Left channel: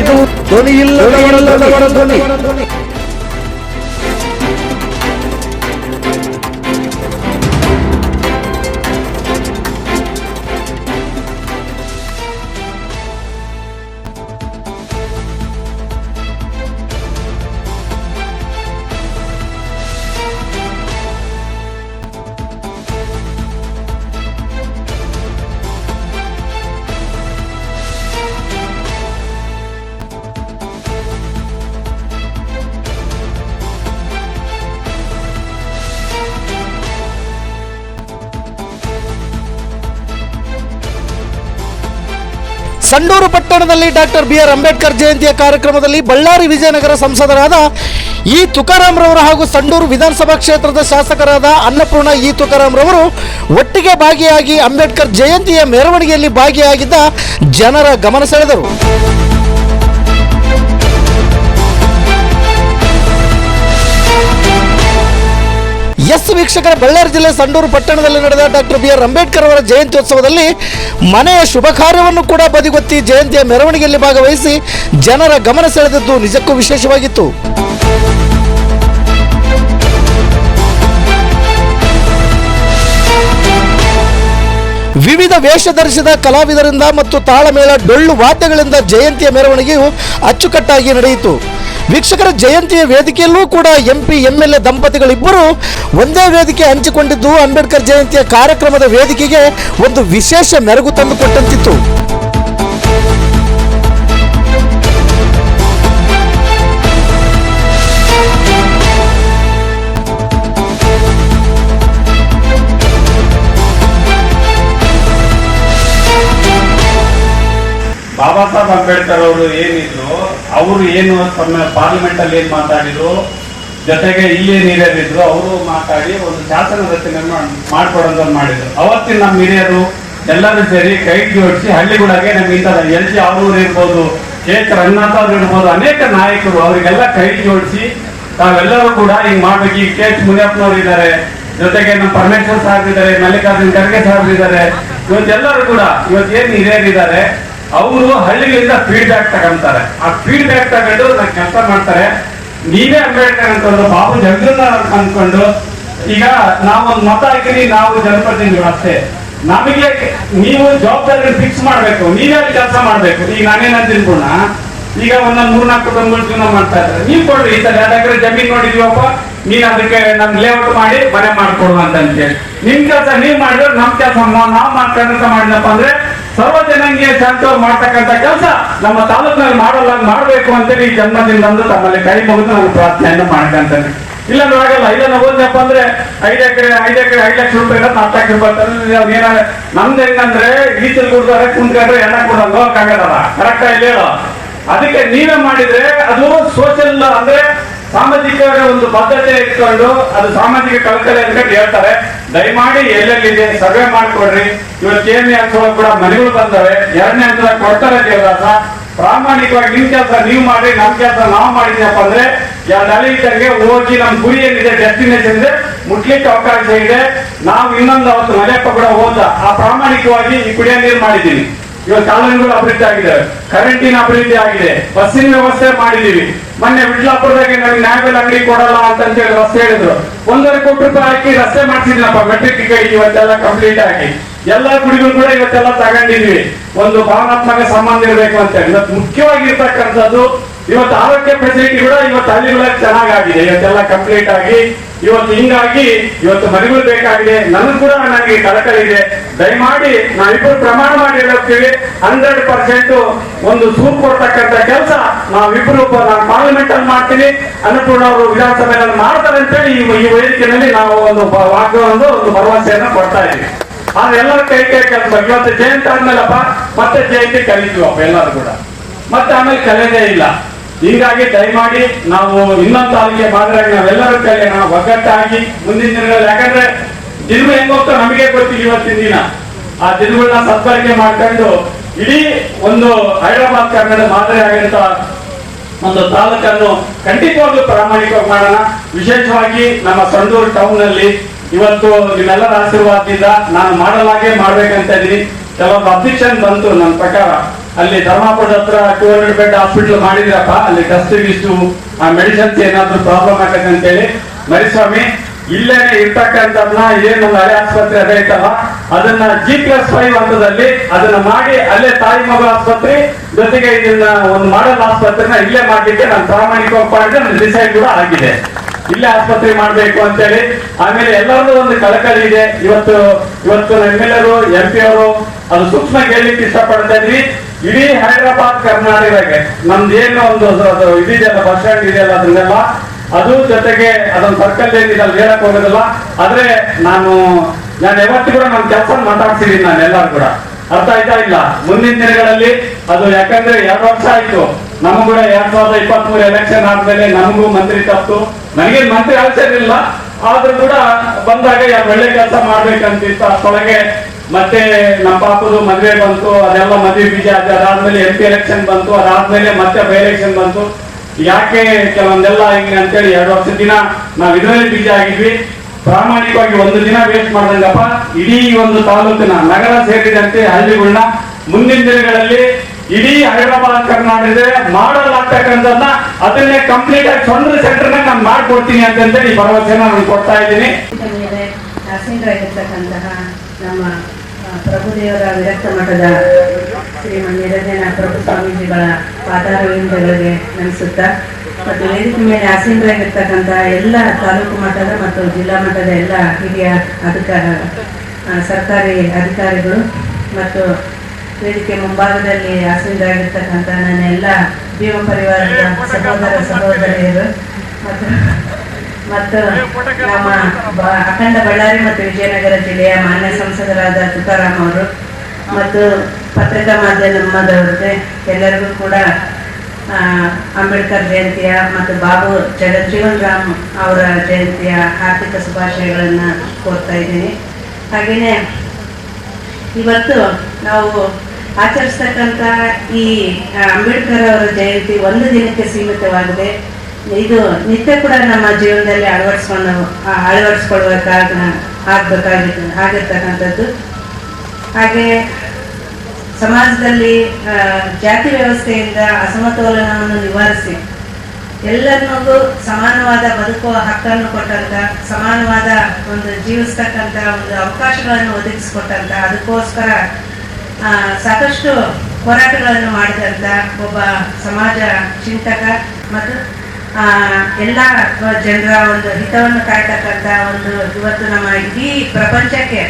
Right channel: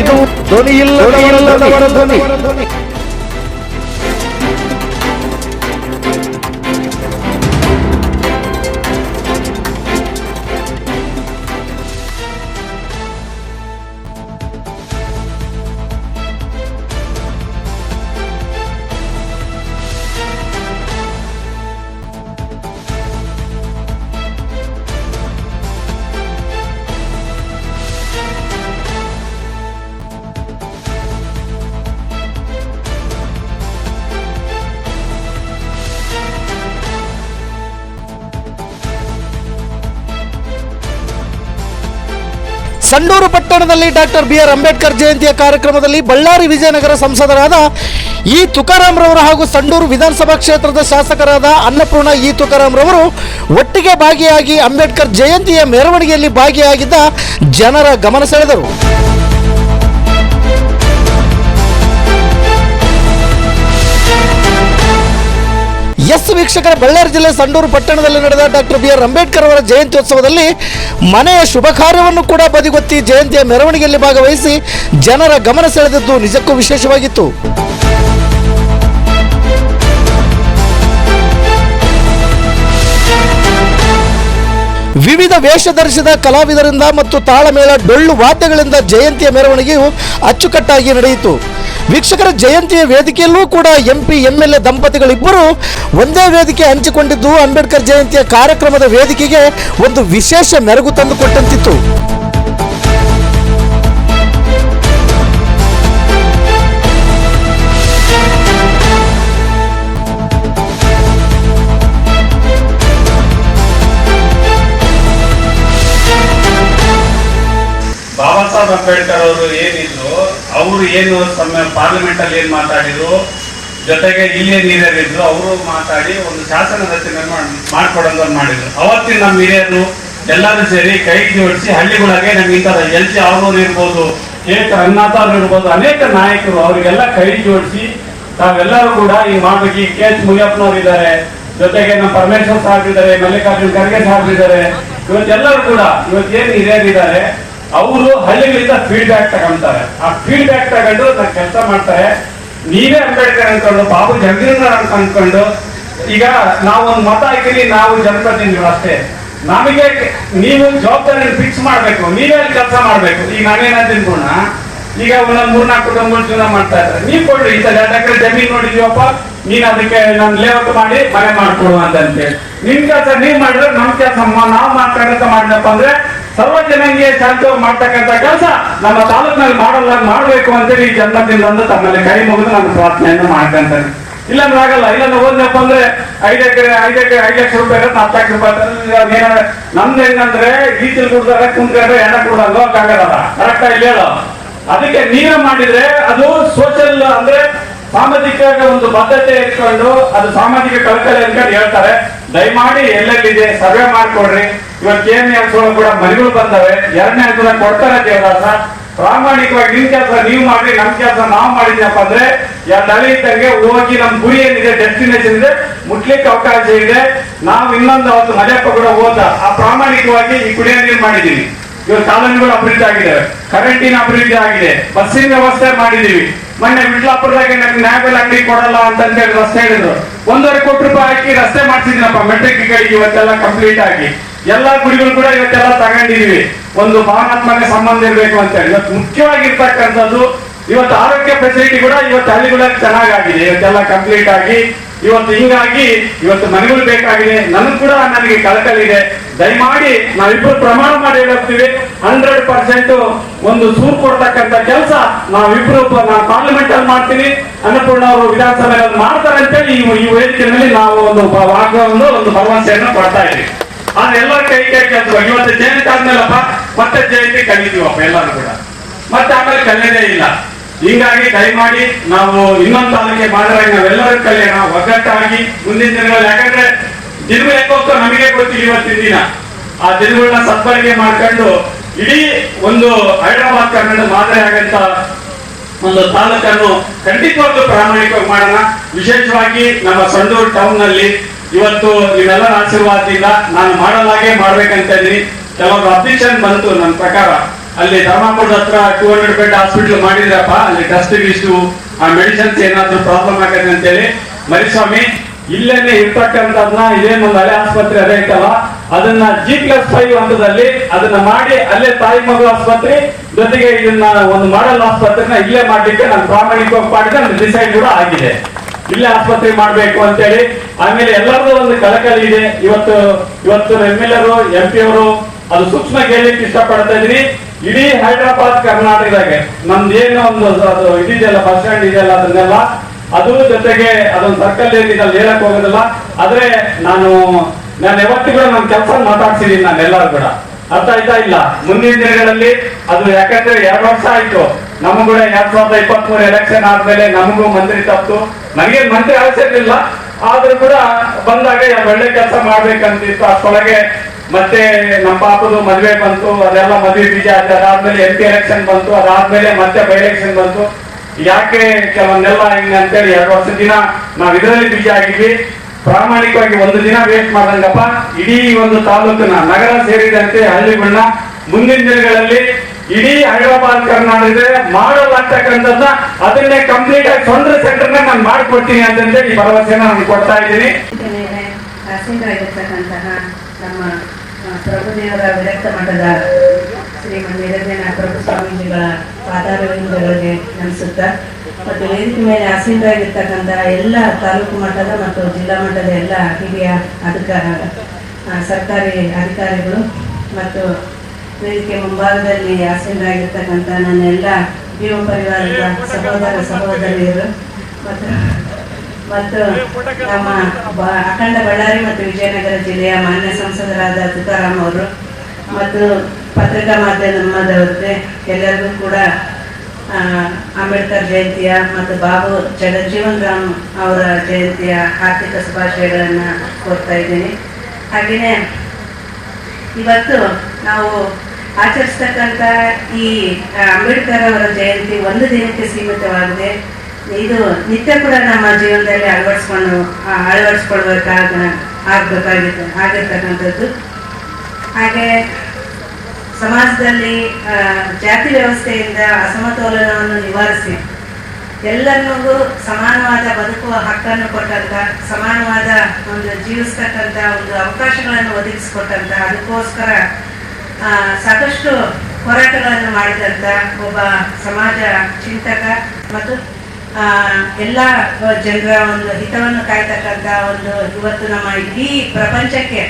ಇದು ಧ್ವನಿ ಇಲ್ಲದವರ ಧ್ವನಿ. ಸಂಡೂರು ಪಟ್ಟಣದಲ್ಲಿ ಡಾಕ್ಟರ್ BR ಅಂಬೇಡ್ಕರ್ ಜಯಂತಿಯ ಕಾರ್ಯಕ್ರಮದಲ್ಲಿ ಬಳ್ಳಾರಿ ವಿಜಯನಗರ ಸಂಸದರಾದ ಇ ತುಕಾರಾಮ್ ರವರು ಹಾಗೂ ಸಂಡೂರು ವಿಧಾನಸಭಾ ಕ್ಷೇತ್ರದ ಶಾಸಕರಾದ ಅನ್ನಪೂರ್ಣ ಇ ತುಕಾರಾಮ್ ರವರು ಒಟ್ಟಿಗೆ ಭಾಗಿಯಾಗಿ ಅಂಬೇಡ್ಕರ್ ಜಯಂತಿಯ ಮೆರವಣಿಗೆಯಲ್ಲಿ ಭಾಗಿಯಾಗಿದ್ದ ಜನರ ಗಮನ ಸೆಳೆದರು. ವೀಕ್ಷಕರ, ಬಳ್ಳಾರಿ ಜಿಲ್ಲೆ ಸಂಡೂರು ಪಟ್ಟಣದಲ್ಲಿ ನಡೆದ ಡಾಕ್ಟರ್ BR ಅಂಬೇಡ್ಕರ್ ಅವರ ಜಯಂತ್ಯೋತ್ಸವದಲ್ಲಿ ಮನೆಯ ಶುಭ ಕಾರ್ಯವನ್ನು ಕೂಡ ಬದಿಗೊತ್ತಿ ಜಯಂತಿಯ ಮೆರವಣಿಗೆಯಲ್ಲಿ ಭಾಗವಹಿಸಿ ಜನರ ಗಮನ ಸೆಳೆದದ್ದು ನಿಜಕ್ಕೂ ವಿಶೇಷವಾಗಿತ್ತು. ವಿವಿಧ ವೇಷ ಧರಿಸಿದ ಕಲಾವಿದರಿಂದ ಮತ್ತು ತಾಳಮೇಳ ಡೊಳ್ಳು ವಾದ್ಯಗಳಿಂದ ಜಯಂತಿಯ ಮೆರವಣಿಗೆಯು ಅಚ್ಚುಕಟ್ಟಾಗಿ ನಡೆಯಿತು. ವೀಕ್ಷಕರ, ಜಯಂತಿಯ ವೇದಿಕೆಯಲ್ಲೂ ಕೂಡ MP MLA ದಂಪತಿಗಳಿಬ್ಬರು ಒಂದೇ ವೇದಿಕೆ ಹಂಚಿಕೊಂಡಿದ್ದು ಅಂಬೇಡ್ಕರ್ ಜಯಂತಿಯ ಕಾರ್ಯಕ್ರಮದ ವೇದಿಕೆಗೆ ಒಂದು ವಿಶೇಷ ಮೆರುಗು ತಂದುಕೊಟ್ಟಂತಿತ್ತು. ಬಾಬಾ ಸಾಹೇಬ್ ಅಂಬೇಡ್ಕರ್ ಅವರು ಏನಿದ್ರು, ಅವರು ಏನು ಪಾರ್ಲಿಮೆಂಟ್ ಅಲ್ಲಿ ಏನ್ ಮಾತಾಡಿದ್ರು, ಜೊತೆಗೆ ಇಲ್ಲೇನು ಹಿರಿಯರಿದ್ರು ಅವರು ಮಾತಾಡಿ ಒಂದು ಶಾಸನ ರಚನೆಯನ್ನು ಮಾಡ್ಕೊಡೋದನ್ನು ಮಾಡಿದ್ರು. ಅವತ್ತಿನ ನಮ್ಮ ಹಿರಿಯರು ಎಲ್ಲರೂ ಸೇರಿ ಕೈ ಜೋಡಿಸಿ ಹಳ್ಳಿಗಳಿಗೆ ನಮ್ಗೆ ಇಂಥದ LG ಅವರೂರು ಇರ್ಬೋದು, KK ರಂಗನಾಥ್ ಅವ್ರು ಇರ್ಬೋದು, ಅನೇಕ ನಾಯಕರು ಅವರಿಗೆಲ್ಲ ಕೈ ಜೋಡಿಸಿ ತಾವೆಲ್ಲರೂ ಕೂಡ ಹಿಂಗ್ ಮಾಡ್ಬೇಕು. ಈಗ KH ಮುನಿಯಪ್ಪನವ್ರು ಇದ್ದಾರೆ, ಜೊತೆಗೆ ನಮ್ಮ ಪರಮೇಶ್ವರ್ ಸಾಹೇಬ್ ಇದ್ದಾರೆ, ಮಲ್ಲಿಕಾರ್ಜುನ್ ಖರ್ಗೆ ಸಾಹೇಬ್ ಇದ್ದಾರೆ. ಇವತ್ತೆಲ್ಲರೂ ಕೂಡ ಇವತ್ತೇನು ಹಿರಿಯರಿದ್ದಾರೆ ಅವರು ಹಳ್ಳಿಗಳಿಂದ ಫೀಡ್ಬ್ಯಾಕ್ ತಗೊಂತಾರೆ. ಆ ಫೀಡ್ಬ್ಯಾಕ್ ತಗೊಂಡು ನಾವು ಕೆಲಸ ಮಾಡ್ತಾರೆ. ನೀವೇ ಅಂಬೇಡ್ಕರ್ ಅನ್ಕೊಂಡು, ಬಾಬು ಜಗಜೀವನ್ ಅನ್ಕೊಂಡು, ಈಗ ನಾವೊಂದು ಮತ ಹಾಕಿರಿ, ನಾವು ಜನಪ್ರತಿನಿಧಿಗಳು ಅಷ್ಟೇ. ನಮಗೆ ನೀವು ಜವಾಬ್ದಾರಿ ಫಿಕ್ಸ್ ಮಾಡ್ಬೇಕು, ನೀವೇ ಅಲ್ಲಿ ಕೆಲಸ ಮಾಡ್ಬೇಕು. ಈಗ ನಾನೇನಂತೀನಿ ಗುಣ, ಈಗ ಒಂದೊಂದು 3-4 ಕುಟುಂಬಗಳು ಜೀವನ ಮಾಡ್ತಾ ಇದ್ದಾರೆ. ನೀವು ಕೊಡ್ರಿ, ಈ 2 ಎಕರೆ ಜಮೀನ್ ನೋಡಿದೀವಪ್ಪ, ನೀನ್ ಅದಕ್ಕೆ ನಮ್ ಲೇಔಟ್ ಮಾಡಿ ಮನೆ ಮಾಡ್ಕೊಡು ಅಂತೇಳಿ ನಿಮ್ ಕೆಲಸ ನೀವ್ ಮಾಡಿದ್ರೆ ನಮ್ ಕೆಲಸ ನಾವ್ ಮಾಡ್ಕೊಂಡಂತ ಮಾಡಿದಪ್ಪ ಅಂದ್ರೆ ಸರ್ವಜನಿಗೆ ಶಾಂತ ಮಾಡ್ತಕ್ಕಂಥ ಕೆಲಸ ನಮ್ಮ ತಾಲೂಕಿನಲ್ಲಿ ಮಾಡಬೇಕು ಅಂತೇಳಿ ಈ ಜನ್ಮದಿಂದ ತಮ್ಮಲ್ಲಿ ಕೈ ಮುಗಿದು ನಾನು ಪ್ರಾರ್ಥನೆಯನ್ನು ಮಾಡ್ಕೊಂತೇನೆ. ಇಲ್ಲಾಂದ್ರೆ ಆಗಲ್ಲ. ಇಲ್ಲಾಂದ್ರೆ ಹೋದ್ನಪ್ಪ ಅಂದ್ರೆ 5 ಎಕರೆ 5 ಲಕ್ಷ ರೂಪಾಯಿ 4 ಲಕ್ಷ ರೂಪಾಯಿ ನಮ್ದು ಹೆಂಗಂದ್ರೆ ಈಚಲ್ ಕುಡ್ದಾರೆ ಕುಂತ್ಕೊಂಡ್ರೆ ಎಣ್ಣ ಕೂಡ ಹೋಗಕ್ಕಾಗಲ್ಲ. ಕರೆಕ್ಟ್ ಆಗಿ ಹೇಳೋ. ಅದಕ್ಕೆ ನೀವೇ ಮಾಡಿದ್ರೆ ಅದು ಸೋಷಿಯಲ್ ಅಂದ್ರೆ ಸಾಮಾಜಿಕ ಒಂದು ಬದ್ಧತೆ ಇಟ್ಕೊಂಡು ಅದು ಸಾಮಾಜಿಕ ಕಳಕಳಿ ಅಂತ ಹೇಳ್ತಾರೆ. ದಯಮಾಡಿ ಎಲ್ಲೆಲ್ಲಿದೆ ಸರ್ವೆ ಮಾಡ್ಕೊಡ್ರಿ. ಇವತ್ತು KM ಕೂಡ ಮನೆಗಳು ಬಂದವೆ. 2ನೇ ಹಂತದಾಗ ಕೊಡ್ತಾರೆ ದೇವದಾಸ. ಪ್ರಾಮಾಣಿಕವಾಗಿ ನಿಮ್ ಕೆಲಸ ನೀವು ಮಾಡ್ರಿ, ನಮ್ ಕೆಲಸ ನಾವು ಮಾಡಿದ್ನಪ್ಪ ಅಂದ್ರೆ 2 ಹಳಿ ಇಟ್ಟಂಗೆ ಹೋಗಿ ನಮ್ ಗುರಿ ಏನಿದೆ, ಡೆಸ್ಟಿನೇಷನ್ ಇದೆ, ಮುಟ್ಲಿಕ್ಕೆ ಅವಕಾಶ ಇದೆ. ನಾವು ಇನ್ನೊಂದು ಅವತ್ತು ಮನೆಯಪ್ಪ ಕೂಡ ಹೋದ ಆ ಪ್ರಾಮಾಣಿಕವಾಗಿ ಈ ಕುಡಿಯೋ ನೀರು ಮಾಡಿದೀವಿ. ಇವತ್ತು ಕಾಲೋನಿಗಳು ಅಭಿವೃದ್ಧಿ ಆಗಿದ್ದಾವೆ, ಕರೆಂಟಿನ ಅಭಿವೃದ್ಧಿ ಆಗಿದೆ, ಬಸ್ಸಿನ ವ್ಯವಸ್ಥೆ ಮಾಡಿದೀವಿ. ಮೊನ್ನೆ ವಿಟ್ಲಾಪುರದಾಗ ನಮ್ಗೆ ನ್ಯಾಯಬೆಲ್ ಅಂಗಡಿ ಕೊಡಲ್ಲ ಅಂತ ಹೇಳಿ ರಸ್ತೆ ಹೇಳಿದ್ರು. 1.5 ಕೋಟಿ ರೂಪಾಯಿ ಹಾಕಿ ರಸ್ತೆ ಮಾಡ್ತಿದ್ದೀನಪ್ಪ ಮೆಟ್ರಿಕ್ ಇವತ್ತೆಲ್ಲ ಕಂಪ್ಲೀಟ್ ಆಗಿ. ಎಲ್ಲ ಗುಡಿಗಳು ಕೂಡ ಇವತ್ತೆಲ್ಲ ತಗೊಂಡಿದೀವಿ. ಒಂದು ಭಾವನಾತ್ಮಕ ಸಂಬಂಧ ಇರಬೇಕು ಅಂತ ಹೇಳಿ ಇವತ್ತು ಮುಖ್ಯವಾಗಿರ್ತಕ್ಕಂಥದ್ದು. ಇವತ್ತು ಆರೋಗ್ಯ ಫೆಸಿಲಿಟಿ ಕೂಡ ಇವತ್ತು ಹಳ್ಳಿಗಳಲ್ಲಿ ಚೆನ್ನಾಗಿದೆ. ಇವತ್ತೆಲ್ಲ ಕಂಪ್ಲೀಟ್ ಆಗಿ ಇವತ್ತು ಹಿಂಗಾಗಿ ಇವತ್ತು ಮನೆಗಳು ಬೇಕಾಗಿದೆ. ನನಗೆ ಕಳಕಳಿ ಇದೆ. ದಯಮಾಡಿ ನಾವಿಬ್ಬರು ಪ್ರಮಾಣ ಮಾಡಿ ಹೇಳುತ್ತೀವಿ, 100% ಒಂದು ಸೂರು ಕೊಡ್ತಕ್ಕಂಥ ಕೆಲಸ ನಾವಿಬ್ರು ನಾನು ಪಾರ್ಲಿಮೆಂಟ್ ಅಲ್ಲಿ ಮಾಡ್ತೀನಿ, ಅನ್ನಪೂರ್ಣ ಅವರು ವಿಧಾನಸಭೆಯಲ್ಲಿ ಮಾಡ್ತಾರೆ ಅಂತೇಳಿ ಈ ವೇದಿಕೆಯಲ್ಲಿ ನಾವು ಒಂದು ಒಂದು ಭರವಸೆಯನ್ನು ಕೊಡ್ತಾ ಇದ್ದೀವಿ. ಆದ್ರೆ ಎಲ್ಲರ ಕೈ ಕೆಲಸ. ಇವತ್ತು ಜಯಂತಿ ಆದ್ಮೇಲಪ್ಪ ಮತ್ತೆ ಜಯಂತಿ ಕಲಿತೀವಪ್ಪ ಎಲ್ಲರೂ ಕೂಡ, ಮತ್ತೆ ಆಮೇಲೆ ಕಲಿಯೋದೇ ಇಲ್ಲ. ಹೀಗಾಗಿ ದಯಮಾಡಿ ನಾವು ಇನ್ನೊಂದು ತಾಲೂಕಿಗೆ ಮಾಡಿದಾಗ ನಾವೆಲ್ಲರೂ ಕಲಿಯೋಣ ಒಗ್ಗಟ್ಟಾಗಿ ಮುಂದಿನ ದಿನಗಳಲ್ಲಿ. ಯಾಕಂದ್ರೆ ದಿನಗಳು ಹೆಂಗ್ ಹೋಗ್ತಾ ನಮಗೆ ಗೊತ್ತಿಲ್ಲ. ಇವತ್ತಿನ ದಿನ ಆ ದಿನಗಳನ್ನ ಸದ್ಬಳಕೆ ಮಾಡ್ಕೊಂಡು ಇಡೀ ಒಂದು ಹೈದರಾಬಾದ್ ಕರ್ನಾಟಕ ಮಾದರಿ ಆಗಂತ ಒಂದು ತಾಲೂಕನ್ನು ಖಂಡಿತವಾಗ್ಲೂ ಪ್ರಾಮಾಣಿಕವಾಗಿ ಮಾಡೋಣ. ವಿಶೇಷವಾಗಿ ನಮ್ಮ ಸಂಡೂರು ಟೌನ್ ನಲ್ಲಿ ಇವತ್ತು ನಿಮ್ಮೆಲ್ಲರ ಆಶೀರ್ವಾದದಿಂದ ನಾನು ಮಾಡಲಾಗೆ ಮಾಡ್ಬೇಕಂತ ಇದೀನಿ. ಕೆಲವೊಂದು ಅಬ್ಜೆಕ್ಷನ್ ಬಂತು ನನ್ನ ಪ್ರಕಾರ. ಅಲ್ಲಿ ಧರ್ಮಾಪುರದ ಹತ್ರ 200 ಬೆಡ್ ಹಾಸ್ಪಿಟಲ್ ಮಾಡಿದ್ರಪ್ಪ, ಅಲ್ಲಿ ಟೆಸ್ಟ್ ಇಷ್ಟು ಮೆಡಿಸಿನ್ಸ್ ಏನಾದ್ರು ಪ್ರಾಬ್ಲಮ್ ಆಗತ್ತೆ ಅಂತೇಳಿ ಮರಿಸ್ವಾಮಿ ಇಲ್ಲೇನೆ ಇರ್ತಕ್ಕಂಥದ್ನ ಏನೊಂದು ಹಳೆ ಆಸ್ಪತ್ರೆ ಅದೇ ಐತಲ್ಲ ಅದನ್ನ G+5 ಹಂತದಲ್ಲಿ ಅದನ್ನ ಮಾಡಿ ಅಲ್ಲೇ ತಾಯಿ ಮಗು ಆಸ್ಪತ್ರೆ ಜೊತೆಗೆ ಇದನ್ನ ಒಂದು ಮಾಡೆಲ್ ಆಸ್ಪತ್ರೆನ ಇಲ್ಲೇ ಮಾಡ್ಲಿಕ್ಕೆ ನಾನು ಪ್ರಾಮಾಣಿಕವಾಗಿ ಮಾಡಿದ್ರೆ ನನ್ನ ಡಿಸೈಡ್ ಕೂಡ ಆಗಿದೆ. ಇಲ್ಲೇ ಆಸ್ಪತ್ರೆ ಮಾಡ್ಬೇಕು ಅಂತೇಳಿ. ಆಮೇಲೆ ಎಲ್ಲರಿಗೂ ಒಂದು ಕಳಕಳಿ ಇದೆ. ಇವತ್ತು MLA MP ಅವರು ಅದು ಸೂಕ್ಷ್ಮ ಕೇಳಲಿಕ್ಕೆ ಇಷ್ಟಪಡ್ತಾ ಇದೀನಿ. ಇಡೀ ಹೈದರಾಬಾದ್ ಕರ್ನಾಟಕದಾಗೆ ನಮ್ದು ಏನು ಒಂದು ಇದೆಯಲ್ಲ ಬಸ್ ಸ್ಟ್ಯಾಂಡ್ ಇದೆಯಲ್ಲ ಅದನ್ನೆಲ್ಲ ಅದು ಜೊತೆಗೆ ಅದೊಂದು ಸರ್ಕಲ್ ಏನಿದೆ ಅಲ್ಲಿ ಹೇಳಕ್ ಹೋಗೋದಿಲ್ಲ. ಆದ್ರೆ ನಾನು ಯಾವತ್ತೂ ಕೂಡ ನಮ್ ಕೆಲಸ ಮಾತಾಡ್ಸಿದೀನಿ ನಾನು ಎಲ್ಲರೂ ಕೂಡ. ಅರ್ಥ ಆಯ್ತಾ ಇಲ್ಲ? ಮುಂದಿನ ದಿನಗಳಲ್ಲಿ ಅದು ಯಾಕಂದ್ರೆ 2 ವರ್ಷ ಆಯ್ತು ನಮಗೂ ಕೂಡ 2023 ಎಲೆಕ್ಷನ್ ಆದ್ಮೇಲೆ ನಮಗೂ ಮಂತ್ರಿ ತಪ್ಪು. ನನಗೆ ಮಂತ್ರಿ ಆಶ್ಚರ್ಯ ಆದ್ರೂ ಕೂಡ ಬಂದಾಗ ಒಳ್ಳೆ ಕೆಲಸ ಮಾಡ್ಬೇಕಂತಿತ್ತು. ಅಷ್ಟೊಳಗೆ ಮತ್ತೆ ನಮ್ಮ ಪಾಪದು ಮದ್ವೆ ಬಂತು, ಅದೆಲ್ಲ ಮದ್ವೆ ಬೀಜ ಆಯ್ತು. ಅದಾದ್ಮೇಲೆ MP ಎಲೆಕ್ಷನ್ ಬಂತು, ಅದಾದ್ಮೇಲೆ ಮತ್ತೆ ಬೈ ಎಲೆಕ್ಷನ್ ಬಂತು. ಯಾಕೆ ಕೆಲವೊಂದೆಲ್ಲ ಹಿಂಗೆ ಅಂತೇಳಿ 2 ವರ್ಷದ ದಿನ ನಾವ್ ಇದರಲ್ಲಿ ಬೀಜ ಆಗಿದ್ವಿ. ಪ್ರಾಮಾಣಿಕವಾಗಿ ಒಂದು ದಿನ ವೇಸ್ಟ್ ಮಾಡ್ದಂಗಪ್ಪ ಇಡೀ ಒಂದು ತಾಲೂಕಿನ ನಗರ ಸೇರಿದಂತೆ ಹಳ್ಳಿಗಳನ್ನ ಮುಂದಿನ ದಿನಗಳಲ್ಲಿ ಇಡೀ ಹೈದರಾಬಾದ್ ಕರ್ನಾಟಕದ ಮಾಡಲಾಗ್ತಕ್ಕಂಥದ್ದ ಅದನ್ನೇ ಕಂಪ್ಲೀಟ್ ಆಗಿ ಸೊಂದ್ರ ಸೆಂಟರ್ ನಾನು ಮಾಡ್ಕೊಡ್ತೀನಿ ಅಂತೇಳಿ ಭರವಸೆನ ನಾನು ಕೊಡ್ತಾ ಇದ್ದೀನಿ. ನಮ್ಮ ಪ್ರಭುದೇವರ ವಿರಕ್ತ ಮಠದ ಶ್ರೀಮನ್ ನಿರಂಜನ ಪ್ರಭು ಸ್ವಾಮೀಜಿಗಳ ಪಾದಾರವಿಂದಗಳಿಗೆ ನಮಿಸುತ್ತಾ ಮತ್ತು ವೇದಿಕೆ ಮೇಲೆ ಆಸೀನರಾಗಿರ್ತಕ್ಕಂಥ ಎಲ್ಲ ತಾಲೂಕು ಮಟ್ಟದ ಮತ್ತು ಜಿಲ್ಲಾ ಮಟ್ಟದ ಎಲ್ಲ ಹಿರಿಯ ಸರ್ಕಾರಿ ಅಧಿಕಾರಿಗಳು ಮತ್ತು ವೇದಿಕೆ ಮುಂಭಾಗದಲ್ಲಿ ಆಸೀನರಾಗಿರ್ತಕ್ಕಂಥ ನನ್ನ ಎಲ್ಲ ಭೀಮ ಪರಿವಾರದ ಸಹೋದರಿಯರು ಮತ್ತು ನಮ್ಮ ಅಖಂಡ ಬಳ್ಳಾರಿ ಮತ್ತು ವಿಜಯನಗರ ಜಿಲ್ಲೆಯ ಮಾನ್ಯ ಸಂಸದರಾದ ತುಕಾರಾಮ್ ಅವರು ಮತ್ತು ಪತ್ರಿಕಾ ಮಾಧ್ಯಮದವರಿಗೆ ಎಲ್ಲರಿಗೂ ಕೂಡ ಅಂಬೇಡ್ಕರ್ ಜಯಂತಿಯ ಮತ್ತು ಬಾಬು ಜಗಜ್ಜೀವನ್ ರಾಮ್ ಅವರ ಜಯಂತಿಯ ಆರ್ಥಿಕ ಶುಭಾಶಯಗಳನ್ನು ಕೋರ್ತಾ ಇದ್ದೀನಿ. ಹಾಗೆಯೇ ಇವತ್ತು ನಾವು ಆಚರಿಸ್ತಕ್ಕಂಥ ಈ ಅಂಬೇಡ್ಕರ್ ಅವರ ಜಯಂತಿ ಒಂದು ದಿನಕ್ಕೆ ಸೀಮಿತವಾಗಿದೆ. ಇದು ನಿತ್ಯ ಕೂಡ ನಮ್ಮ ಜೀವನದಲ್ಲಿ ಆಗಿರ್ತಕ್ಕಂಥದ್ದು. ಹಾಗೆ ಸಮಾಜದಲ್ಲಿ ಜಾತಿ ವ್ಯವಸ್ಥೆಯಿಂದ ಅಸಮತೋಲನವನ್ನು ನಿವಾರಿಸಿ ಎಲ್ಲರಿಗೂ ಸಮಾನವಾದ ಬದುಕುವ ಹಕ್ಕನ್ನು ಕೊಟ್ಟಂತ, ಸಮಾನವಾದ ಒಂದು ಜೀವಿಸ್ತಕ್ಕಂಥ ಒಂದು ಅವಕಾಶಗಳನ್ನು ಒದಗಿಸಿಕೊಟ್ಟಂತ, ಅದಕ್ಕೋಸ್ಕರ ಸಾಕಷ್ಟು ಹೋರಾಟಗಳನ್ನು ಮಾಡಿದಂತ ಒಬ್ಬ ಸಮಾಜ ಚಿಂತಕ ಮತ್ತು ಎಲ್ಲ ಜನರ ಒಂದು ಹಿತವನ್ನು ಕಾಯ್ತಕ್ಕಂಥ ಒಂದು ಇವತ್ತು ನಮ್ಮ ಇಡೀ ಪ್ರಪಂಚಕ್ಕೆ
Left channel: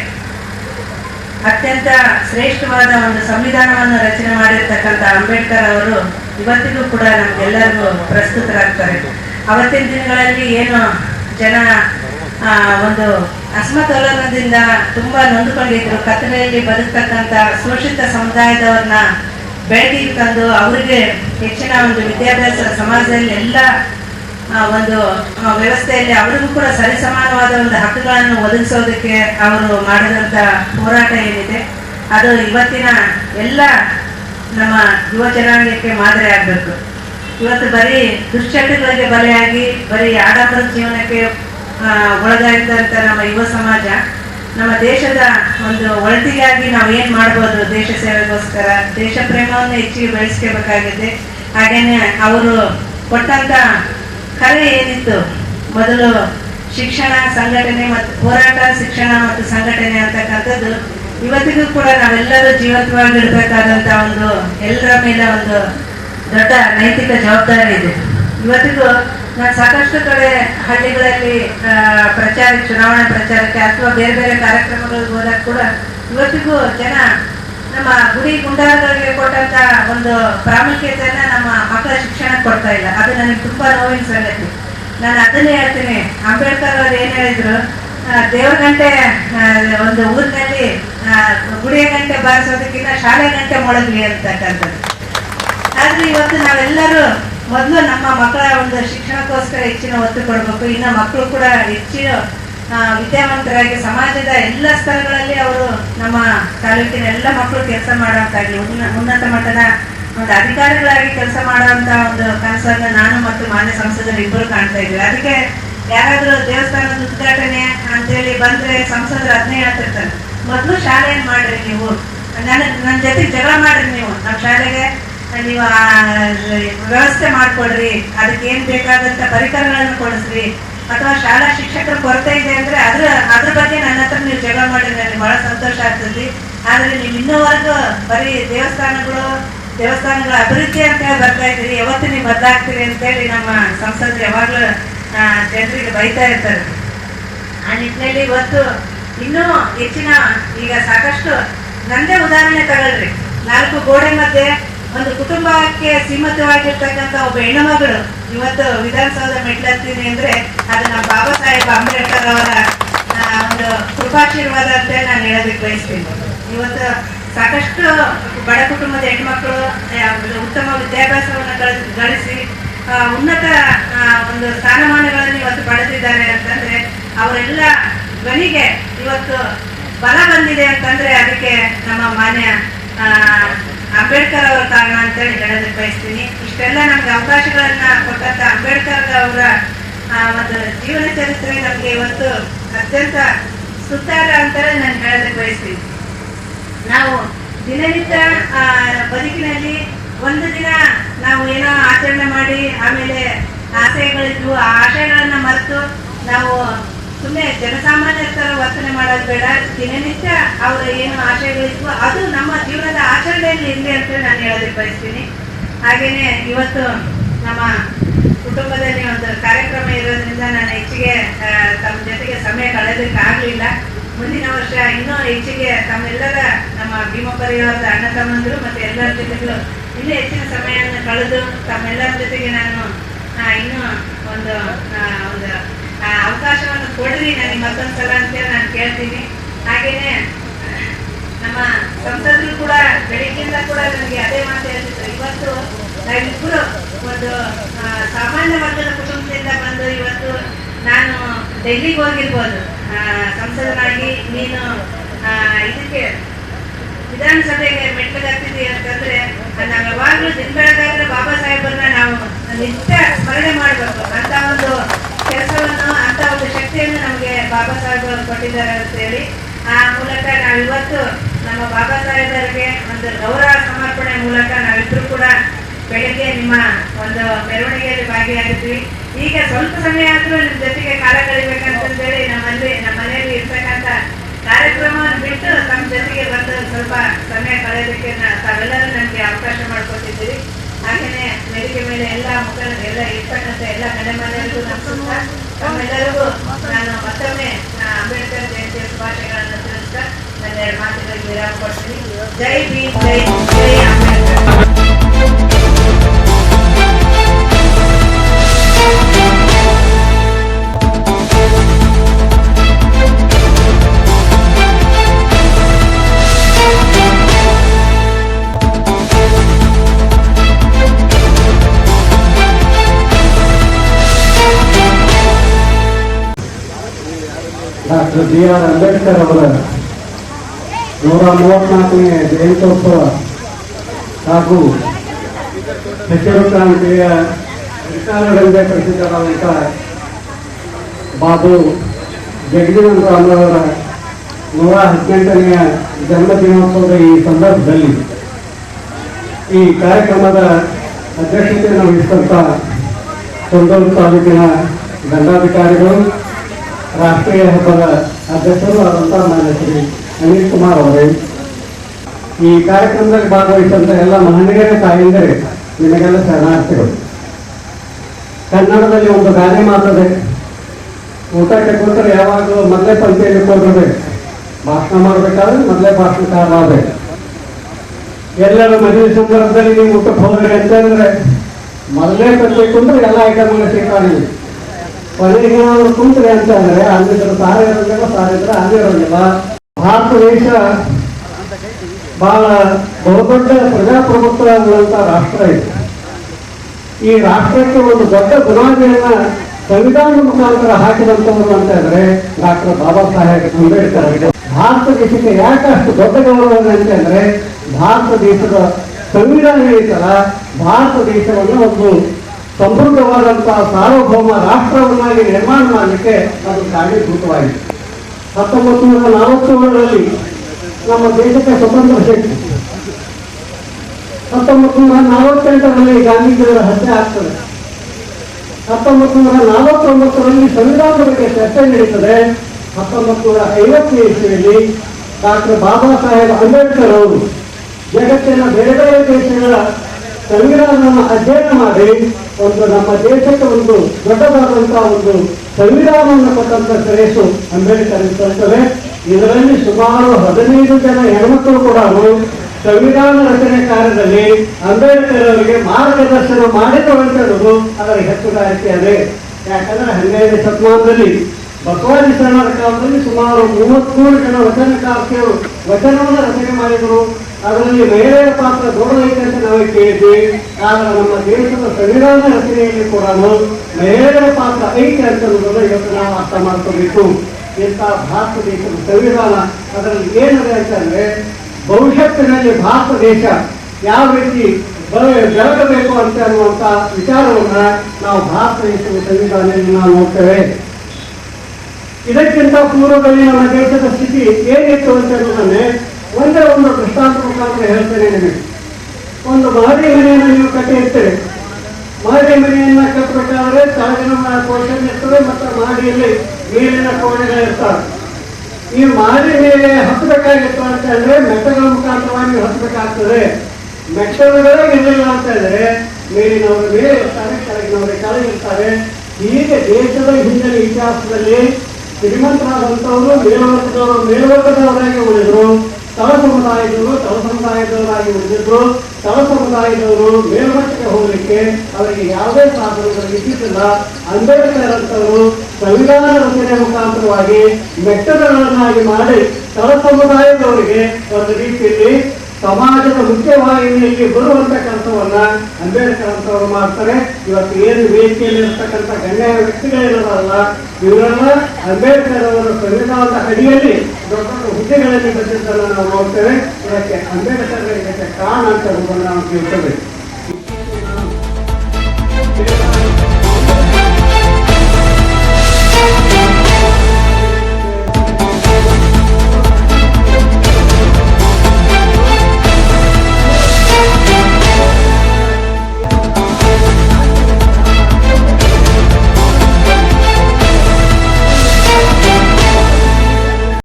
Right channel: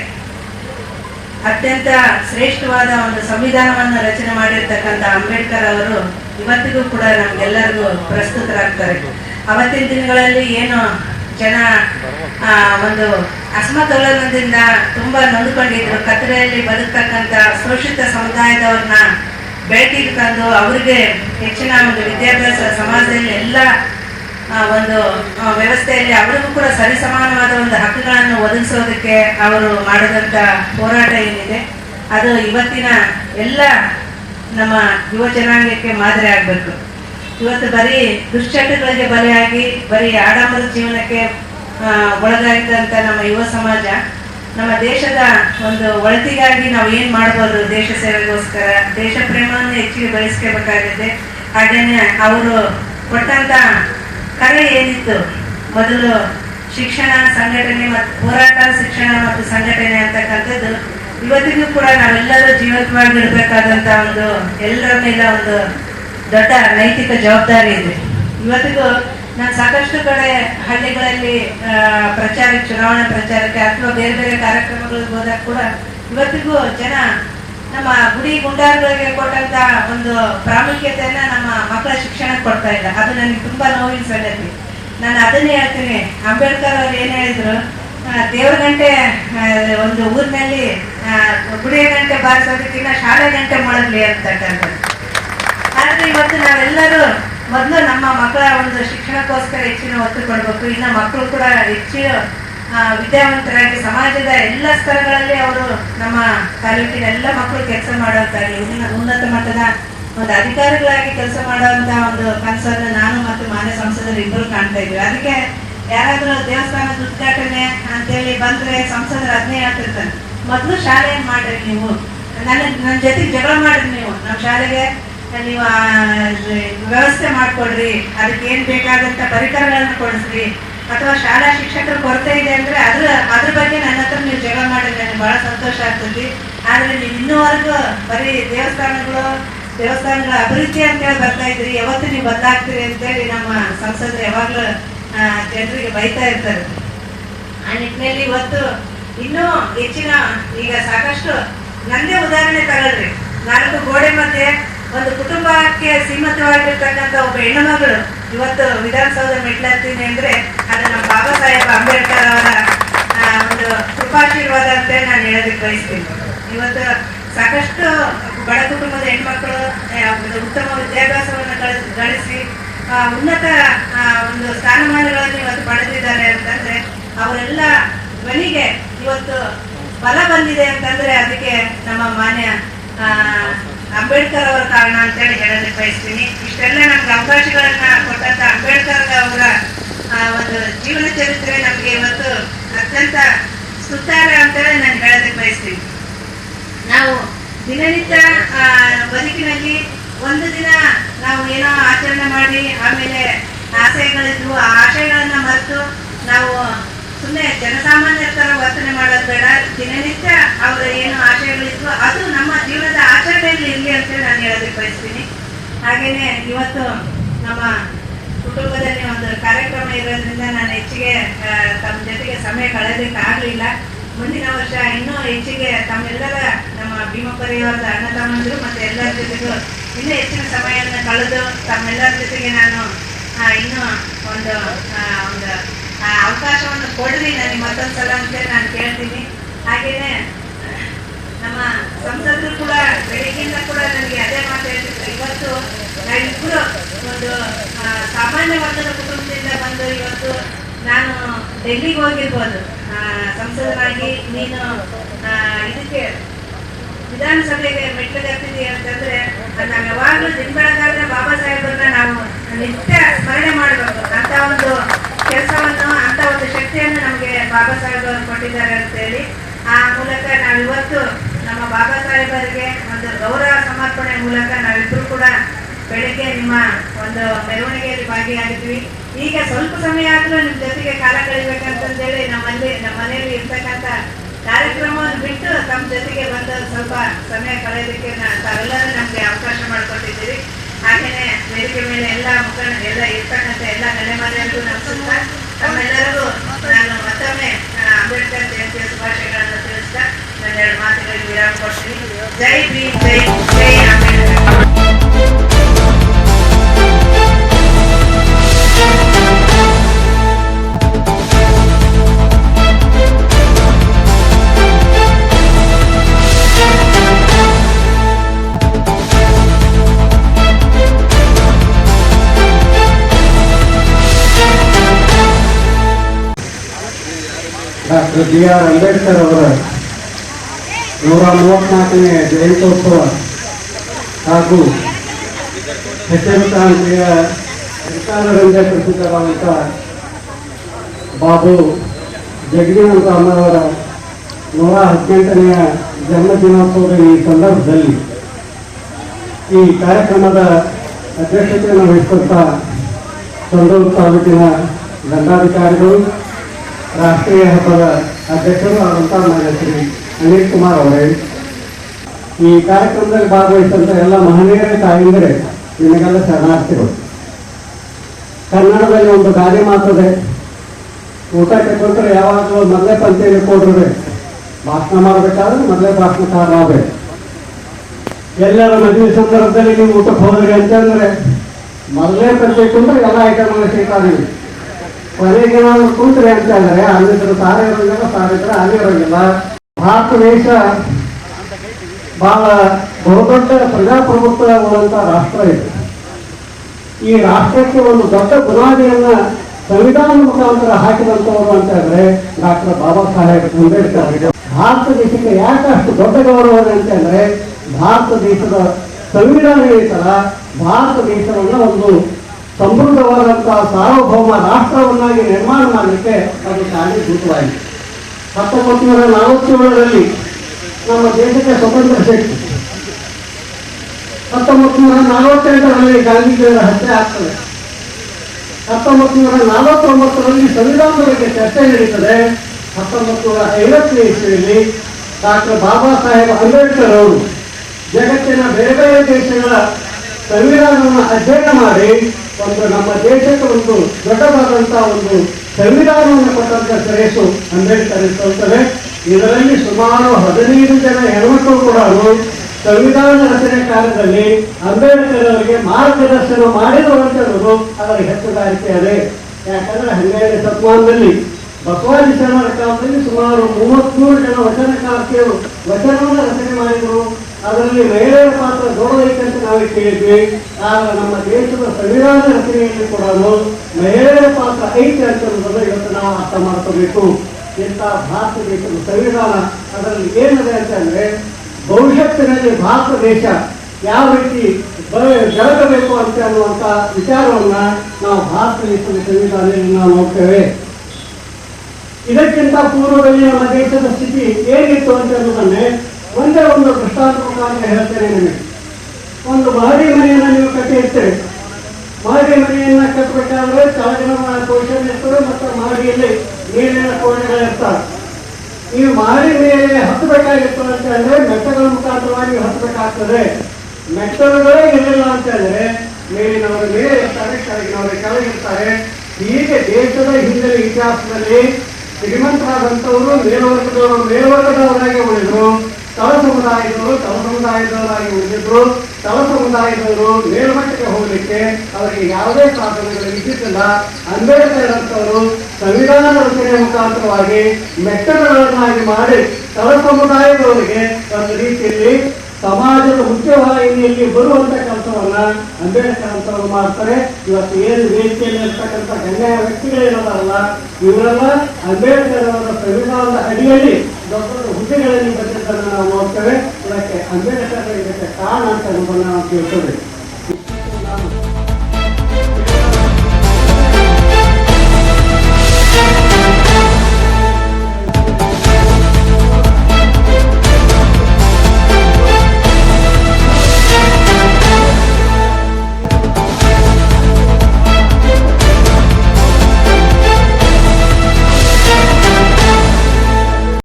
ಅತ್ಯಂತ ಶ್ರೇಷ್ಠವಾದ ಒಂದು ಸಂವಿಧಾನವನ್ನು ರಚನೆ ಮಾಡಿರ್ತಕ್ಕಂಥ ಅಂಬೇಡ್ಕರ್ ಅವರು ಇವತ್ತಿಗೂ ಕೂಡ ನಮ್ಗೆಲ್ಲರಿಗೂ ಪ್ರಸ್ತುತರಾಗ್ತಾರೆ. ಅವತ್ತಿನ ದಿನಗಳಲ್ಲಿ ಏನು ಜನ ಒಂದು ಅಸಮತೋಲನದಿಂದ ತುಂಬಾ ನೊಂದುಕೊಂಡಿದ್ರು, ಕತ್ತಲೆಯಲ್ಲಿ ಬದುಕ್ತಕ್ಕಂಥ ಶೋಷಿತ ಸಮುದಾಯದವ್ರನ್ನ ಬೆಳಕಿಗೆ ತಂದು ಅವರಿಗೆ ಹೆಚ್ಚಿನ ಒಂದು ವಿದ್ಯಾಭ್ಯಾಸ ಸಮಾಜದಲ್ಲಿ ಎಲ್ಲ ಒಂದು ವ್ಯವಸ್ಥೆಯಲ್ಲಿ ಅವರಿಗೂ ಕೂಡ ಸರಿಸಮಾನವಾದ ಒಂದು ಹಕ್ಕುಗಳನ್ನು ಒದಗಿಸೋದಕ್ಕೆ ಅವರು ಮಾಡಿದಂತ ಹೋರಾಟ ಏನಿದೆ ಅದು ಇವತ್ತಿನ ಎಲ್ಲ ನಮ್ಮ ಯುವ ಜನಾಂಗಕ್ಕೆ ಮಾದರಿ ಆಗ್ಬೇಕು. ಇವತ್ತು ಬರೀ ದುಶ್ಚಟಗಳಿಗೆ ಬಲಿಯಾಗಿ ಬರೀ ಆಡಂಬರ ಜೀವನಕ್ಕೆ ಒಳಗಾಗಿದ್ದಂತ ನಮ್ಮ ಯುವ ಸಮಾಜ ನಮ್ಮ ದೇಶದ ಒಂದು ಒಳತಿಗಾಗಿ ನಾವು ಏನ್ ಮಾಡ್ಬೋದು, ದೇಶ ಸೇವೆಗೋಸ್ಕರ ದೇಶ ಪ್ರೇಮವನ್ನು ಹೆಚ್ಚಿಗೆ ಬೆಳೆಸ್ಕೋಬೇಕಾಗಿದೆ. ಹಾಗೇನೆ ಅವರು ಕೊಟ್ಟಂತ ಕರೆ ಏನಿತ್ತು, ಮೊದಲು ಶಿಕ್ಷಣ ಸಂಘಟನೆ ಮತ್ತು ಹೋರಾಟ, ಶಿಕ್ಷಣ ಮತ್ತು ಸಂಘಟನೆ ಅಂತಕ್ಕಂಥದ್ದು ಇವತ್ತಿಗೂ ಕೂಡ ನಾವೆಲ್ಲರೂ ಜೀವಂತವಾಗಿರ್ಬೇಕಾದಂತ ಒಂದು ಎಲ್ಲರ ಮೇಲೆ ಒಂದು ದೊಡ್ಡ ನೈತಿಕ ಜವಾಬ್ದಾರಿ ಇದೆ. ಇವತ್ತಿಗೂ ನಾನು ಸಾಕಷ್ಟು ಕಡೆ ಹಳ್ಳಿಗಳಲ್ಲಿ ಚುನಾವಣಾ ಪ್ರಚಾರಕ್ಕೆ ಅಥವಾ ಬೇರೆ ಬೇರೆ ಕಾರ್ಯಕ್ರಮಗಳಿಗೆ ಹೋದಾಗ ಕೂಡ ಇವತ್ತಿಗೂ ಜನ ನಮ್ಮ ಗುಡಿ ಗುಂಡಾರಗಳಿಗೆ ಕೊಟ್ಟಂತ ಒಂದು ಪ್ರಾಮುಖ್ಯತೆಯನ್ನ ನಮ್ಮ ಮಕ್ಕಳ ಶಿಕ್ಷಣ ಕೊಡ್ತಾ ಇಲ್ಲ. ಅದು ನನಗೆ ತುಂಬಾ ನೋವಿನ ಸಂಗತಿ. ನಾನು ಅದನ್ನೇ ಹೇಳ್ತೀನಿ, ಅಂಬೇಡ್ಕರ್ ಅವರು ಏನ್ ಹೇಳಿದ್ರು, ದೇವರ ಗಂಟೆ ಒಂದು ಊರಿನಲ್ಲಿ ಗುಡಿಯ ಗಂಟೆ ಬಾರಿಸೋದಕ್ಕಿಂತ ಶಾಲೆ ಗಂಟೆ ಮೊಳಗ್ಲಿ ಅಂತಕ್ಕಂಥದ್ದು. ಆದ್ರೆ ಇವತ್ತು ನಾವೆಲ್ಲರೂ ಮೊದಲು ನಮ್ಮ ಮಕ್ಕಳ ಒಂದು ಶಿಕ್ಷಣಕ್ಕೋಸ್ಕರ ಹೆಚ್ಚಿನ ಒತ್ತು ಕೊಡಬೇಕು. ಇನ್ನು ಮಕ್ಕಳು ಕೂಡ ಹೆಚ್ಚಿನ ವಿದ್ಯಾವಂತರಾಗಿ ಸಮಾಜದ ಎಲ್ಲ ಸ್ತರಗಳಲ್ಲಿ ಅವರು ನಮ್ಮ ತಾಲೂಕಿನ ಎಲ್ಲ ಮಕ್ಕಳು ಕೆಲಸ ಮಾಡುವಂತಾಗಲಿ, ಉನ್ನತ ಮಟ್ಟದ ಒಂದು ಅಧಿಕಾರಿಗಳಾಗಿ ಕೆಲಸ ಮಾಡುವಂತ ಒಂದು ಕನಸನ್ನು ನಾನು ಮತ್ತು ಮಾನ್ಯ ಸಂಸದರು ಇಬ್ಬರು ಕಾಣ್ತಾ ಇದ್ವಿ. ಅದಕ್ಕೆ ಯಾರಾದ್ರೂ ದೇವಸ್ಥಾನದ ಉದ್ಘಾಟನೆ ಅಂತೇಳಿ ಬಂದ್ರೆ ಸಂಸದರು ಅದನ್ನೇ ಹೇಳ್ತಿರ್ತಾರೆ, ಮೊದಲು ಶಾಲೆಯನ್ನು ಮಾಡ್ರಿ ನೀವು, ನನ್ನ ಜೊತೆಗೆ ಜಗಳ ಮಾಡ್ರಿ ನೀವು, ನಮ್ಮ ಶಾಲೆಗೆ ನೀವು ವ್ಯವಸ್ಥೆ ಮಾಡ್ಕೊಡ್ರಿ, ಅದಕ್ಕೆ ಏನ್ ಬೇಕಾದಂತ ಪರಿಕರಗಳನ್ನು ಕೊಡಿಸ್ರಿ, ಅಥವಾ ಶಾಲಾ ಶಿಕ್ಷಕರ ಕೊರತೆ ಇದೆ ಅಂದ್ರೆ ಅದ್ರ ಬಗ್ಗೆ ನನ್ನ ಹತ್ರ ನೀವು ಜಗಳ ಮಾಡಿದ್ರೆ ನನಗೆ ಬಹಳ ಸಂತೋಷ ಆಗ್ತದೆ. ಆದ್ರೆ ನೀವು ಇನ್ನೂವರೆಗೂ ಬರೀ ದೇವಸ್ಥಾನಗಳ ಅಭಿವೃದ್ಧಿ ಅಂತ ಹೇಳಿ ಬರ್ತಾ ಇದ್ರಿ, ಯಾವತ್ತು ನೀವು ಬದಲಾಗ್ತೀರಿ ಅಂತೇಳಿ ನಮ್ಮ ಸಂಸದರು ಯಾವಾಗ್ಲೂ ಜನರಿಗೆ ಬೈತಾ ಇರ್ತಾರೆ. ಆ ನಿಟ್ಟಿನಲ್ಲಿ ಇವತ್ತು ಇನ್ನೂ ಹೆಚ್ಚಿನ, ಈಗ ಸಾಕಷ್ಟು ನಂದೇ ಉದಾಹರಣೆ ತಗೊಳ್ರಿ, 4 ಗೋಡೆ ಮಧ್ಯೆ ಒಂದು ಕುಟುಂಬಕ್ಕೆ ಸೀಮಿತವಾಗಿರ್ತಕ್ಕಂಥ ಒಬ್ಬ ಹೆಣ್ಣು ಮಗಳು ಇವತ್ತು ವಿಧಾನಸೌಧ ಮೆಟ್ಲತ್ತೀನಿ ಅಂದ್ರೆ ಅದು ನಮ್ಮ ಬಾಬಾ ಸಾಹೇಬ್ ಅಂಬೇಡ್ಕರ್ ಅವರ ಒಂದು ಕೃಪಾಶೀರ್ವಾದ ಅಂತ ನಾನು ಹೇಳೋದಕ್ಕೆ ಬಯಸ್ತೀನಿ. ಇವತ್ತು ಸಾಕಷ್ಟು ಬಡ ಕುಟುಂಬದ ಹೆಣ್ಮಕ್ಳು ಉತ್ತಮ ವಿದ್ಯಾಭ್ಯಾಸವನ್ನು ಗಳಿಸಿ ಉನ್ನತ ಒಂದು ಸ್ಥಾನಮಾನಗಳನ್ನು ಇವತ್ತು ಪಡೆದಿದ್ದಾರೆ ಅಂತಂದ್ರೆ ಅವರೆಲ್ಲ ಗಳಿಗೆ ಇವತ್ತು ಬಲ ಬಂದಿದೆ ಅಂತಂದ್ರೆ ಅದಕ್ಕೆ ನಮ್ಮ ಮಾನ್ಯ ಅಂಬೇಡ್ಕರ್ ಅವರ ಕಾರಣ ಅಂತೇಳಿ ಹೇಳೋದಕ್ಕೆ ಬಯಸ್ತೀನಿ. ಇಷ್ಟೆಲ್ಲ ನಮ್ಗೆ ಅವಕಾಶಗಳನ್ನ ಕೊಟ್ಟಂತ ಅಂಬೇಡ್ಕರ್ ಅವರ ಒಂದು ಜೀವನ ಚರಿತ್ರೆ ನಮ್ಗೆ ಇವತ್ತು ಅತ್ಯಂತ ಸುತ್ತಾರ ಅಂತೇಳಿ ನಾನು ಹೇಳೋದಕ್ಕೆ ಬಯಸ್ತೀನಿ. ನಾವು ದಿನನಿತ್ಯ ಬದುಕಿನಲ್ಲಿ ಒಂದು ದಿನ ನಾವು ಏನೋ ಆಚರಣೆ ಮಾಡಿ ಆಮೇಲೆ ಆಶಯಗಳಿದ್ವು, ಆ ಆಶಯಗಳನ್ನ ಮರೆತು ನಾವು ಸುಮ್ಮನೆ ಜನಸಾಮಾನ್ಯರ ತರ ವರ್ತನೆ ಮಾಡೋದು ಬೇಡ. ದಿನನಿತ್ಯ ಅವರ ಏನು ಆಶಯಗಳಿದ್ವು ಅದು ನಮ್ಮ ಜೀವನದ ಆಚರಣೆಯಲ್ಲಿ ಇರಲಿ ಅಂತೇಳಿ ನಾನು ಹೇಳೋದಕ್ಕೆ ಬಯಸ್ತೀನಿ. ಹಾಗೇನೆ ಇವತ್ತು ನಮ್ಮ ಕುಟುಂಬದಲ್ಲಿ ಒಂದು ಕಾರ್ಯಕ್ರಮ ಇರೋದ್ರಿಂದ ನಾನು ಹೆಚ್ಚಿಗೆ ತಮ್ಮ ಜೊತೆಗೆ ಸಮಯ ಕಳೆಯೋದಕ್ಕಾಗಲಿಲ್ಲ. ಮುಂದಿನ ವರ್ಷ ಇನ್ನೂ ಹೆಚ್ಚಿಗೆ ತಮ್ಮೆಲ್ಲರ ನಮ್ಮ ಭೀಮ ಪರಿವಾರದ ಅಣ್ಣ ತಮ್ಮಂದಿರು ಮತ್ತೆ ಎಲ್ಲರ ಜೊತೆಗೂ ಇನ್ನೂ ಹೆಚ್ಚಿನ ಸಮಯವನ್ನು ಕಳೆದು ತಮ್ಮೆಲ್ಲರ ಜೊತೆಗೆ ನಾನು ಇನ್ನೂ ಒಂದು ಅವಕಾಶವನ್ನು ಕೊಡ್ರಿ ನನಗೆ ಮತ್ತೊಂದ್ಸಲ ಅಂತೇಳಿ ನಾನು ಕೇಳ್ತೀನಿ. ಹಾಗೇನೆ ನಮ್ಮ ಸಂಸದರು ಕೂಡ ಬೆಳಿಗ್ಗೆಯಿಂದ ಕೂಡ ನನಗೆ ಅದೇ ಮಾತು ಹೇಳ್ತಿದ್ರು. ಇವತ್ತು ನಾವಿಬ್ಬರು ಒಂದು ಸಾಮಾನ್ಯ ವರ್ಗದ ಕುಟುಂಬದಿಂದ ಬಂದು ಇವತ್ತು ನಾನು ಡೆಲ್ಲಿಗೆ ಹೋಗಿರ್ಬೋದು ಸಂಸದನಾಗಿ, ನೀನು ಇದಕ್ಕೆ ವಿಧಾನಸಭೆಗೆ ಮೆಟ್ಲುಗತ್ತಿದ್ವಿ ಅಂತಂದ್ರೆ ನಾವು ಯಾವಾಗಲೂ ದಿನ ಬೆಳಗಾದ್ರೆ ಬಾಬಾ ಸಾಹೇಬರನ್ನ ನಾವು ನಿತ್ಯ ಸ್ಮರಣೆ ಮಾಡಬೇಕು. ಅಂತ ಒಂದು ಕೆಲಸವನ್ನು, ಅಂತ ಒಂದು ಶಕ್ತಿಯನ್ನು ನಮಗೆ ಬಾಬಾ ಸಾಹೇಬ್ ಅವರು ಕೊಟ್ಟಿದ್ದಾರೆ ಅಂತೇಳಿ ಆ ಮೂಲಕ ನಾವಿವತ್ತು ನಮ್ಮ ಬಾಬಾ ಸಾಹೇಬರಿಗೆ ಒಂದು ಗೌರವ ಸಮರ್ಪಣೆ ಮೂಲಕ ನಾವಿಬ್ರು ಕೂಡ ಬೆಳಗ್ಗೆ ನಿಮ್ಮ ಒಂದು ಮೆರವಣಿಗೆಯಲ್ಲಿ ಭಾಗಿಯಾಗಿದ್ವಿ. ಈಗ ಸ್ವಲ್ಪ ಸಮಯ ಆದ್ರೂ ನಿಮ್ ಜೊತೆಗೆ ಕಾಲ ಕಳಿಬೇಕಂತಂದೇಳಿ ನಮ್ಮ ಮನೆಯಲ್ಲಿ ಇರ್ತಕ್ಕಂಥ ಕಾರ್ಯಕ್ರಮವನ್ನು ಬಿಟ್ಟು ತಮ್ಮ ಜೊತೆಗೆ ಬಂದು ಸ್ವಲ್ಪ ಸಮಯ ಕಳೆಯೋದಕ್ಕೆ ತಾವೆಲ್ಲರೂ ನಮ್ಗೆ ಅವಕಾಶ ಮಾಡಿಕೊಟ್ಟಿದ್ದೀರಿ. ಹಾಗೇನೆ ವೇದಿಕೆ ಮೇಲೆ ಎಲ್ಲ ಮುಖಂಡರು ಇರ್ತಕ್ಕಂಥ ಎಲ್ಲ ಗಣ್ಯಮಾನ್ಯರಿಗೂ ನಮಸ್ಕಾರ. ತಮ್ಮೆಲ್ಲರಿಗೂ ನಾನು ಮತ್ತೊಮ್ಮೆ ಅಂಬೇಡ್ಕರ್ ಜಯಂತಿಯ ಶುಭಾಶಯಗಳನ್ನು ತಿಳಿಸ್ತಾ ನನ್ನ 2 ಮಾತುಗಳಿಗೆ ವಿರಾಮ ಕೊಡ್ತೀನಿ. ಜೈ ಭೀಮ್, ಜೈ ಅಂಬೇಡ್ಕರ್. ಡಾಕ್ಟರ್ BR ಅಂಬೇಡ್ಕರ್ ಅವರ 134ನೇ ಜಯಂತ್ಯೋತ್ಸವ ಹಾಗೂ ಹೆಚ್ಚಿನ ಕ್ರಾಂತಿಯ ಅಧಿಕಾರಗಳಿಂದ ಪ್ರಸಿದ್ಧರಾದಂಥ ಬಾಬು ಜಗಜೀವನ್ ರಾಮರವರ 118ನೆಯ ಜನ್ಮದಿನೋತ್ಸವದ ಈ ಸಂದರ್ಭದಲ್ಲಿ ಈ ಕಾರ್ಯಕ್ರಮದ ಅಧ್ಯಕ್ಷತೆಯನ್ನು ವಹಿಸಿದಂಥ ಕೊಂಡೂರು ತಾಲೂಕಿನ ದಂಡಾಧಿಕಾರಿಗಳು, ರಾಷ್ಟ್ರೀಯ ಹಬ್ಬದ ಅಧ್ಯಕ್ಷರು ಆದಂಥ ಮಾನ್ಯ ಶ್ರೀ ಅನಿಲ್ ಕುಮಾರ್ ಅವರೇ, ಈ ಕಾರ್ಯಕ್ರಮದಲ್ಲಿ ಭಾಗವಹಿಸಿದಂಥ ಎಲ್ಲ ಮಹನೀಯರ ತಾಯಿಂದರೆ ನಿಮಗೆಲ್ಲ ಶರಣಾರ್ಥಿಗಳು. ಕನ್ನಡದಲ್ಲಿ ಒಂದು ಗಾದೆ ಮಾತದೆ, ಊಟಕ್ಕೆ ಕುಂತರೆ ಯಾವಾಗಲೂ ಮೊದಲೇ ಪಂಕ್ತಿಯಲ್ಲಿ ಕೂಡಿರ್ಬೇಕು, ಭಾಷಣ ಮಾಡಬೇಕಾದ್ರೆ ಮೊದಲೇ ಭಾಷಣಕಾರರಾಗಬೇಕು. ಎಲ್ಲರ ಮದುವೆ ಸಂದರ್ಭದಲ್ಲಿ ನೀವು ಊಟಕ್ಕೆ ಹೋದ್ರಿ ಅಂತಂದ್ರೆ ಮೊದಲೇ ಪಂಕ್ತಿ ಕುಂದ್ರೆ ಎಲ್ಲ ಐಟಮ್ಗಳು ಸಿಗ್ತಾವೆ. ಕೊನೆಗೆ ಏನಾದ್ರು ಕುಂತ್ರೆ ಅಂತಂದ್ರೆ ಅಲ್ಲಿದ್ರೆ ಸಾರಿ ಇರೋಂಗಿಲ್ಲ, ಸಾರಿದ್ರೆ ಅಲ್ಲಿ ಇರೋಂಗಿಲ್ಲ. ಭಾರತ ದೇಶ ಬಹಳ ಬಹುದೊಡ್ಡ ಪ್ರಜಾಪ್ರಭುತ್ವ ಉಳ್ಳಂತ ರಾಷ್ಟ್ರ ಇದೆ. ಈ ರಾಷ್ಟ್ರಕ್ಕೆ ಒಂದು ದೊಡ್ಡ ಬುನಾದಿಯನ್ನ ಸಂವಿಧಾನದ ಮುಖಾಂತರ ಹಾಕಿದಂತವರು ಅಂತ ಹೇಳಿದ್ರೆ ಡಾಕ್ಟರ್ ಬಾಬಾ ಸಾಹೇಬ್ ಅಂಬೇಡ್ಕರ್. ಭಾರತ ದೇಶಕ್ಕೆ ಯಾಕೆ ಅಷ್ಟು ದೊಡ್ಡ ಗೌರವ ಅಂತಂದ್ರೆ ಭಾರತ ದೇಶದ ಸಂವಿಧಾನ ಐತಲ್ಲ, ಭಾರತ ದೇಶವನ್ನು ಒಂದು ಸಮೃದ್ಧವಾದಂತಹ ಸಾರ್ವಭೌಮ ರಾಷ್ಟ್ರವನ್ನಾಗಿ ನಿರ್ಮಾಣ ಮಾಡಲಿಕ್ಕೆ ಅದು ಕಾರಣೀಭೂತವಾಯಿತು. 1947ರಲ್ಲಿ ನಮ್ಮ ದೇಶಕ್ಕೆ ಸ್ವತಂತ್ರ ಶಕ್ತಿ. 1948ರಲ್ಲಿ ಗಾಂಧೀಜಿಯವರ ಹತ್ಯೆ ಆಗ್ತದೆ. 1949ರಲ್ಲಿ ಸಂವಿಧಾನದ ಬಗ್ಗೆ ಚರ್ಚೆ ನಡೀತದೆ. 1950 ಇಸ್ವಿಯಲ್ಲಿ ಡಾಕ್ಟರ್ ಬಾಬಾ ಸಾಹೇಬ್ ಅಂಬೇಡ್ಕರ್ ಅವರು ಜಗತ್ತಿನ ಬೇರೆ ಬೇರೆ ದೇಶಗಳ ಸಂವಿಧಾನವನ್ನು ಅಧ್ಯಯನ ಮಾಡಿ ನಮ್ಮ ದೇಶಕ್ಕೆ ಒಂದು ದೊಡ್ಡದಾದಂತಹ ಒಂದು ಸಂವಿಧಾನವನ್ನು ಕೊಟ್ಟಂತ ಶ್ರೇಯಸ್ಸು ಅಂಬೇಡ್ಕರ್ ಇರ್ತದೆ. ಇದರಲ್ಲಿ ಸುಮಾರು 15 ಜನ ಹೆಣ್ಮಕ್ಕಳು ಕೂಡ ಸಂವಿಧಾನ ರಚನೆ ಕಾರ್ಯದಲ್ಲಿ ಅಂಬೇಡ್ಕರ್ ಅವರಿಗೆ ಮಾರ್ಗದರ್ಶನ ಮಾಡಿದರು ಅಂತ ಹೇಳುವುದು ಅದರ ಹೆಚ್ಚುಗಾರಿಕೆ ಅದೇ. ಯಾಕಂದ್ರೆ 12ನೇ ಶತಮಾನದಲ್ಲಿ ಬಸವಾದಿ ಶರಣರ ಕಾಲದಲ್ಲಿ ಸುಮಾರು 33 ಜನ ವಚನಕಾರ್ತಿಯರು ವಚನವನ್ನು ರಚನೆ ಮಾಡಿದರು. ಅದರಲ್ಲಿ ಮಹಿಳೆಯರ ಪಾತ್ರ ದೊಡ್ಡದೈತೆ ಅಂತ ನಾವೇ ಕೇಳಿದ್ವಿ. ಆದರೆ ನಮ್ಮ ದೇಶದ ಸಂವಿಧಾನ ರಚನೆಯಲ್ಲಿ ಕೂಡ ಮಹಿಳೆಯರ ಪಾತ್ರ ಐತೆ ಅಂತ ಇವತ್ತು ನಾವು ಅರ್ಥ ಮಾಡ್ಕೋಬೇಕು. ಇಂಥ ಭಾರತ ದೇಶದ ಸಂವಿಧಾನ ಅದರಲ್ಲಿ ಏನಿದೆ ಅಂತಂದ್ರೆ ಭವಿಷ್ಯತ್ತಿನಲ್ಲಿ ಭಾರತ ದೇಶ ಯಾವ ರೀತಿ ಬೆಳಗಬೇಕು ಅಂತ ಅನ್ನುವಂತ ವಿಚಾರವನ್ನ ನಾವು ಭಾರತ ದೇಶದ ಸಂವಿಧಾನದಲ್ಲಿ ನಾವು ನೋಡ್ತೇವೆ. ಇದಕ್ಕಿಂತ ಪೂರ್ವದಲ್ಲಿ ನಮ್ಮ ದೇಶದ ಸ್ಥಿತಿ ಏನಿತ್ತು ಅಂತ ಅನ್ನೋದನ್ನೇ ಒಂದೇ ಒಂದು ದೃಷ್ಟಾಂತ ಮುಖಾಂತರ ಹೇಳ್ತೇನೆ ನಿಮಗೆ. ಒಂದು ಮಹಡಿ ಮನೆಯನ್ನು ನೀವು ಕಟ್ಟಿರ್ತೀರಿ. ಮಹಡಿ ಮನೆಯನ್ನ ಕಟ್ಟಬೇಕಾದ್ರೆ ಕೆಳಗಿನ ಪೋಷಣೆ ಇರ್ತದೆ ಮತ್ತು ಮಹಡಿಯಲ್ಲಿ ಮೇಲಿನ ಕೋಣೆಗಳಿರ್ತವೆ. ಈ ಮಹಡಿ ಮೇಲೆ ಹತ್ತಬೇಕಾಗಿತ್ತು ಅಂತ ಹೇಳಿದ್ರೆ ಮೆಟ್ಟಗಳ ಮುಖಾಂತರವಾಗಿ ಹತ್ತಬೇಕಾಗ್ತದೆ. ಮೆಟ್ಟಲುಗಳೇ ಇರಲಿಲ್ಲ ಅಂತ ಹೇಳಿದ್ರೆ ಮೇಲಿನವರು ಮೇಲೆ ಇರ್ತಾರೆ, ಕೆಳಗಿನವರು ಕೆಳಗಿರ್ತಾರೆ. ಹೀಗೆ ದೇಶದ ಹಿಂದಿನ ಇತಿಹಾಸದಲ್ಲಿ ಶ್ರೀಮಂತರಾದಂಥವರು ಮೇಲ್ವರ್ಗದವರು ಮೇಲ್ವರ್ಗದವರಾಗಿ ಉಳಿದ್ರು, ತಳ ಸಮುದಾಯದವರಾಗಿ ಉಳಿದಿದ್ರು. ತಳ ಸಮುದಾಯದವರು ಮೇಲ್ಮಟ್ಟಕ್ಕೆ ಹೋಗಲಿಕ್ಕೆ ಅವರಿಗೆ ಯಾವುದೇ ಸಾಧನಗಳು ಇದ್ದಿದ್ದಿಲ್ಲ. ಅಂಬೇಡ್ಕರ್ ಅಂತವರು ಸಂವಿಧಾನ ರಚನೆ ಮುಖಾಂತರವಾಗಿ ಮೆಟ್ಟಲುಗಳನ್ನಾಗಿ ಮಾಡಿ ತಳ ಸಮುದಾಯದವರಿಗೆ ಒಂದು ರೀತಿಯಲ್ಲಿ ಸಮಾಜದ ಮುಖ್ಯವಾಹಿನಿಯಲ್ಲಿ ಬರುವಂತ ಕೆಲಸವನ್ನ ಅಂಬೇಡ್ಕರ್ ಅಂತವರು ಮಾಡ್ತಾರೆ. ಇವತ್ತು ಏನು ವೇದಿಕೆಯಲ್ಲಿ ಇರ್ತಕ್ಕಂಥ ಗಣ್ಯ ವ್ಯಕ್ತಿಗಳೇನಲ್ಲ ಇವರೆಲ್ಲ ಅಂಬೇಡ್ಕರ್ ಅವರ ಸಂವಿಧಾನದ ಅಡಿಯಲ್ಲಿ ದೊಡ್ಡ ದೊಡ್ಡ ಹುದ್ದೆಗಳಲ್ಲಿ ಬಂದಿದ್ದನ್ನು ನಾವು ನೋಡ್ತೇವೆ. ಇದಕ್ಕೆ ಅಂಬೇಡ್ಕರ್ ಇದಕ್ಕೆ ಕಾರಣ ಅಂತ ನಾವು ತಿಳ್ಕೊಬೇಕು.